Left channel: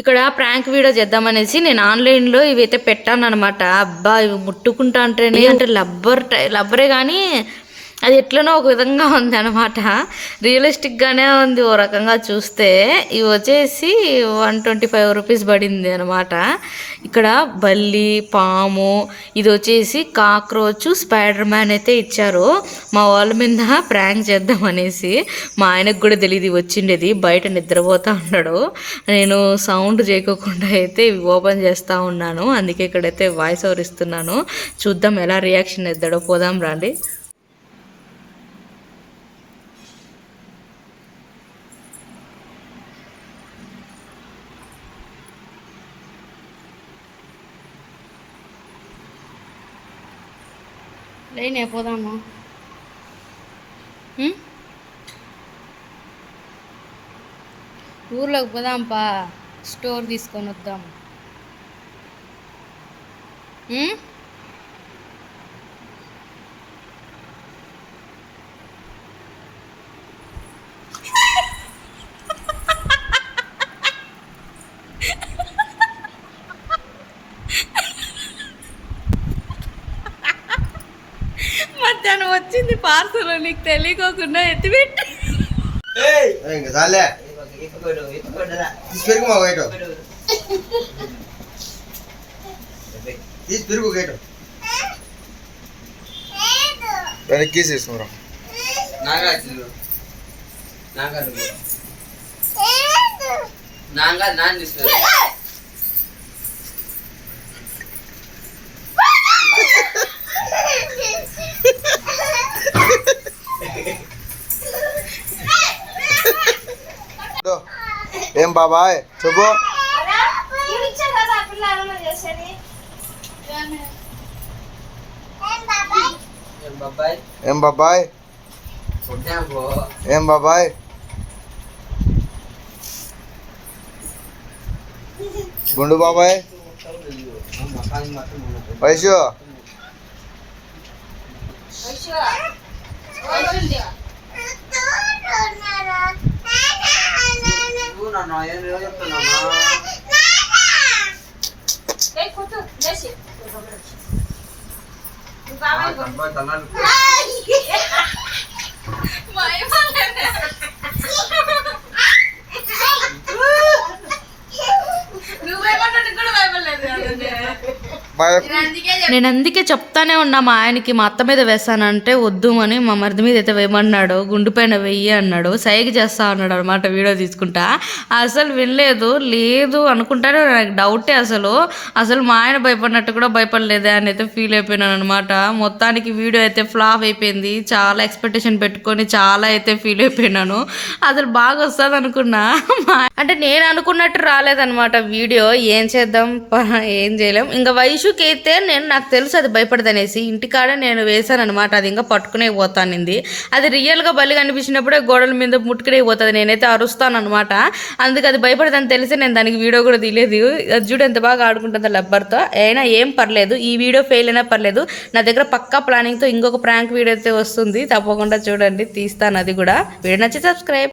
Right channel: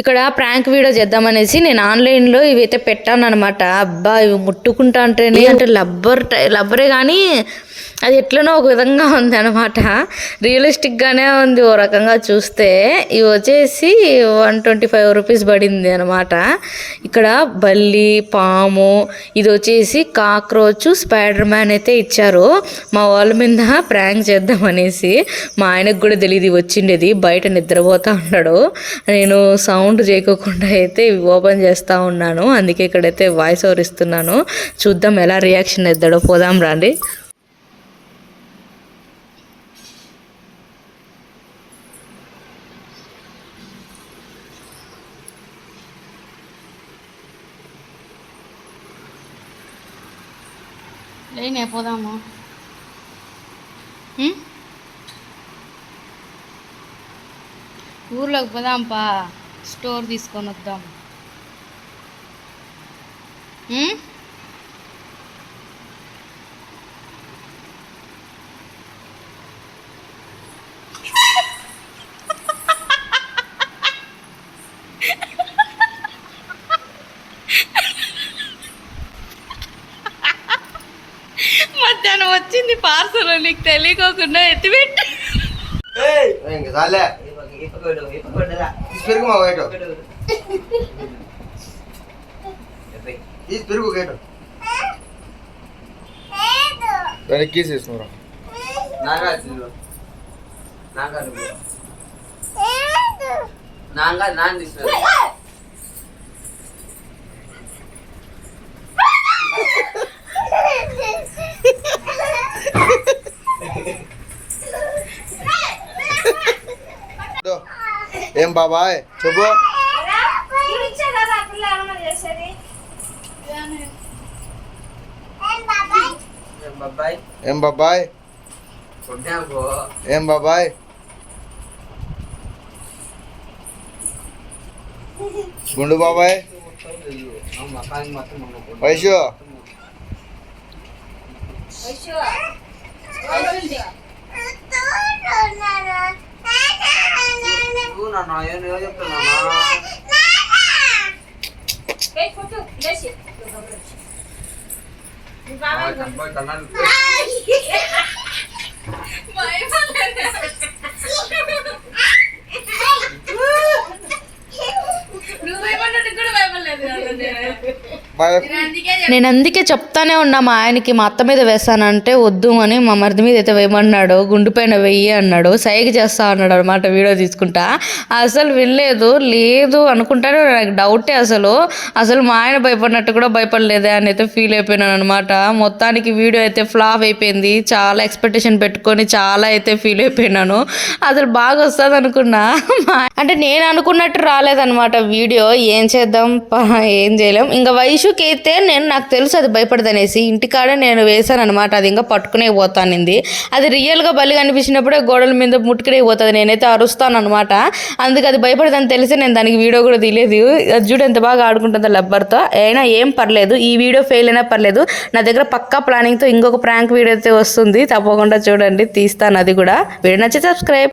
ఇక్కడ prank video చేద్దామనేసి నేను ఆన్లైన్లో ఇవైతే పెట్టాను అనమాట అబ్బా ఇవి ముట్టుకుంటా అంటేనే అంటే లబ్బర్ టై- లబ్బరే కానీ అది ఎట్లనో ఒక విధంగా ఉంది అనమాట రియలిస్టిక్గానే ఉంది ఓ రకంగా చూస్తే. ఇవి వచ్చేసి వన్ ట్వంటీ ఫైవ్ రూపీస్ పడింది అనమాట ఇక్కడ బల్లి పాము ఇది వచ్చేసి కాక్రోచ్ స్పైడర్ మ్యాన్ అయితే ఇచ్చారు. మా వాళ్ళ మీద ప్రాంక్ చేద్దామనేసి మా ఆయనకు కూడా తెలియదు వచ్చిండేది బయట నిద్రపోతూ ఉన్నాడు. నేను సౌండ్ చేయకోకుండా అయితే ఇవి ఓపెన్ చేస్తూ ఉన్నాను. అందుకే ఇక్కడైతే వాయిస్ ఓవర్ ఇస్తున్నాను. చూద్దాం ఎలా రియాక్షన్ ఇద్దాడో పోదాం రండి. లేనే పోదాము ఊర్లోకి పోదాంపా. స్టోర్ తీసుకొని వద్దాం. వచ్చింది పార్సల్ నీకు తెలియకోకుండా ఎత్తిపెట్టి. ఇంకా చాలే. తీసి పెరుగు మా గైటు. తీసి పెరుగు గైటు. వెనక్కి కీస్ తీసుకురా. నాగార్జున నాగార్జున నాగా నాన్న తీసుకురా. ఏం బాబాయ్ చెప్పు బాబాయ్ ఏం బాబాయ్ కొట్టాము ఏం బాబాయ్ గుండు బాబాయ్ మకాన్ మొత్తం వైషు నన్ను ఏం చెప్తున్నాను కన్నాలు బాయ్ నేను అందుకే చెప్తానే ఉన్నా మా ఆయనకి మా అత్త మీద వేస్తానంటే వద్దు అని మా మరిది మీద అయితే వేయమన్నాడు. గుండు పైన వెయ్యి అన్నాడు. సైగ చేస్తా అన్నాడు అనమాట వీడియో తీసుకుంటా. అసలు వినలేదు లేదు అనుకుంటానే నాకు డౌటే అసలు. అసలు మా ఆయన భయపడినట్టు కూడా భయపడలేదే అని అయితే ఫీల్ అయిపోయినాను అనమాట మొత్తానికి వీడియో అయితే ఫ్లాప్ అయిపోయింది. చాలా ఎక్స్పెక్టేషన్ పెట్టుకొని చాలా అయితే ఫీల్ అయిపోయినాను. అసలు బాగా వస్తుంది అనుకున్నా. అంటే నేను అనుకున్నట్టు రాలేదనమాట వీడియో. ఏం చేద్దాం? ఏం చేయలేం. ఇంకా వైషుకి అయితే నేను నాకు తెలుసు అది భయపడదనేసి ఇంటికాడ నేను వేసాను అనమాట అది ఇంకా పట్టుకునే పోతానింది. అది రియల్గా బలి కనిపించినప్పుడే గోడల మీద ముట్టుకునే పోతుంది నేనైతే అరుస్తాను అనమాట అందుకు అది భయపడదని తెలిసి నేను దానికి వీడియో కూడా తీయలేదు. అది చూడు ఎంత బాగా ఆడుకుంటుందో లబ్బర్తో. అయినా ఏం పర్లేదు ఈ వీడియో ఫెయిల్ అయినా పర్లేదు. నా దగ్గర పక్కా ప్లానింగ్తో ఇంకొక ప్రాంక్ వీడియో అయితే వస్తుంది. తప్పకుండా చూడండి తీస్తాను అది కూడా. వీడియో నచ్చి సబ్స్క్రైబ్